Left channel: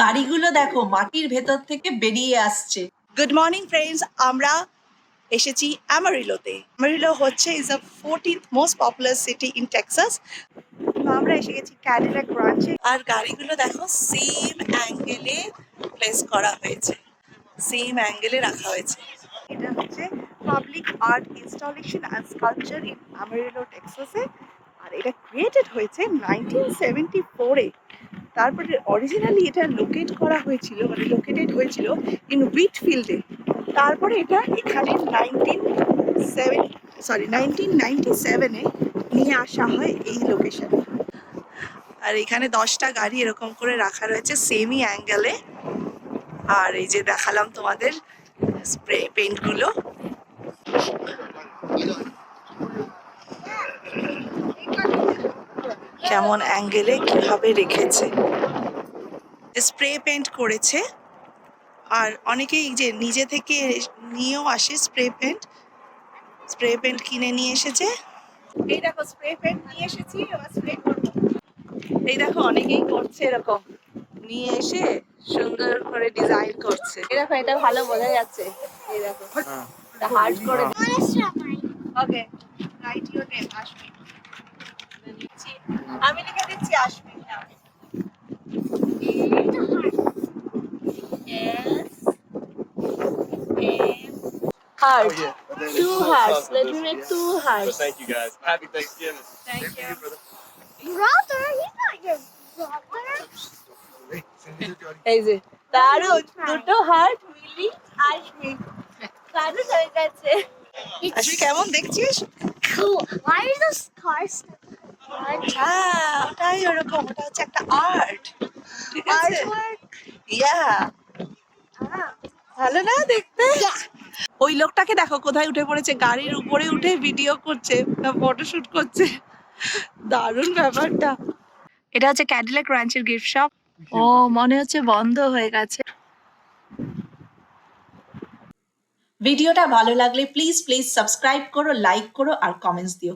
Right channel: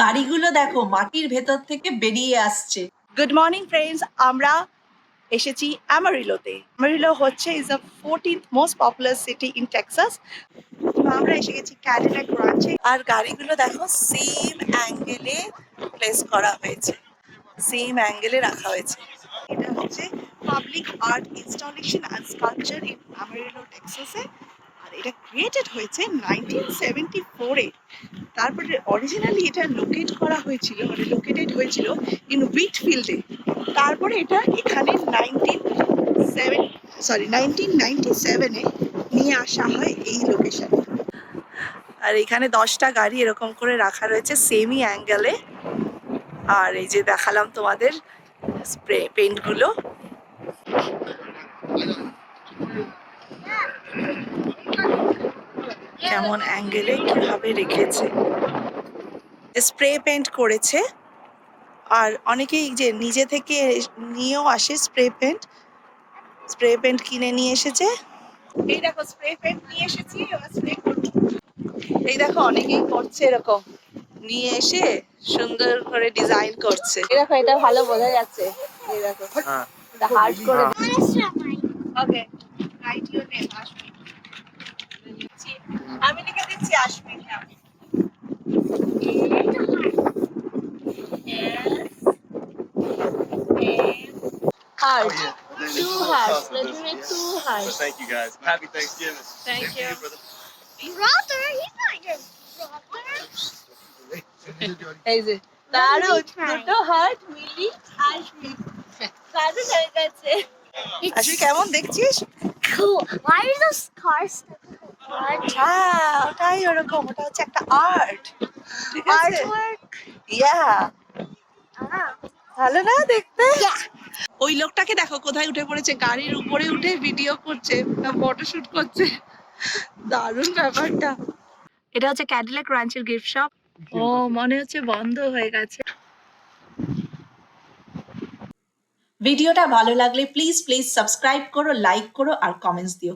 গাড়িগুলো দেখো মাটির ভেতর থেকে বেরিয়ে আসছে। গুড মর্নিং ফ্রেন্ডস, আমরা এসেছি অ্যামারিলোতে। অ্যামারিলো হচ্ছে is the 14th most popular city in Texas. আমরা এসে গেছি ক্যাডিলাক রাঞ্চে। আর গাড়িগুলো দেখো সেম অ্যাঙ্গেলে প্লেস করা হয়েছে, সেম অ্যাঙ্গেলে রাখা হয়েছে। এটা হচ্ছে public art installation and sculpture in Amarillo টেক্সাসে। আর এটা ক্রিয়েটেড হয়েছে 1974-এ। তারপরে অরিজিনালি এটা লোকেটেড হয়েছিল ইন হুইটফিল্ডে। তারপরে এটা এখানে 1997-এ নিয়ে আসা হয় এই লোকেশনে। আর এখানে 10টা গাড়ি এরকম করে রাখা রয়েছে সেমই অ্যাঙ্গেলে। আর এই যে দেখালাম তোমাদের স্প্রে পেইন্টগুলো। কেমন অ্যাঙ্গেলে কিভাবে রেখেছে, স্প্রে পেইন্ট করেছে। আর অনেকেই যে নিজে থেকে নিয়েও আসে স্প্রে পেইন্ট কিনে নিয়ে এসেছে। এই দেখো স্প্রে পেইন্ট নিয়ে এসেছি, এবার স্প্রে করব। এই দেখো অনেকেই করছে এরকম নিয়ে এসে সুন্দর করে ডিজাইন করছে। এই দেখো এটা ভালো বোঝা যাচ্ছে। এই দেখো হার্ড করে। ওকে, রাইট ইওর নেম আশমিক। আমি লিখে দিচ্ছি আশমিক নাম। Heart. Two hearts. Let me make two hearts. Thank you guys. Happy Thanksgiving. Thank you. Brother, he's not your brother. এই যে দারুণ, দুটো হার্ট মিলি আশমিক। দারুণ হয়ে গেছে। আশমিক কেমন দেখছিস? Cool. Why is this car stuck? আচ্ছা, ওটাই ওরকম, ওটা হচ্ছে একটা আর্ট। ঠিক আছে? Artwork. ইয়া, Ah. ভালো না দেখতে? ওই লোকটাকে দেখো কোথায় উঠে পড়েছে, গাড়ির উপরে উঠে ভিডিও করছে, ফটোশুট করছে। দারুণ ব্যাপারটা। এটা হচ্ছে ক্যাডিলাক রাঞ্চের গিফট শপ। ও মনে হচ্ছে বন্ধ হয়ে গেছে। ভিডিওটা ভালো লাগলে প্লিজ সাবস্ক্রাইব করো, লাইক করো আর কমেন্টস দিও।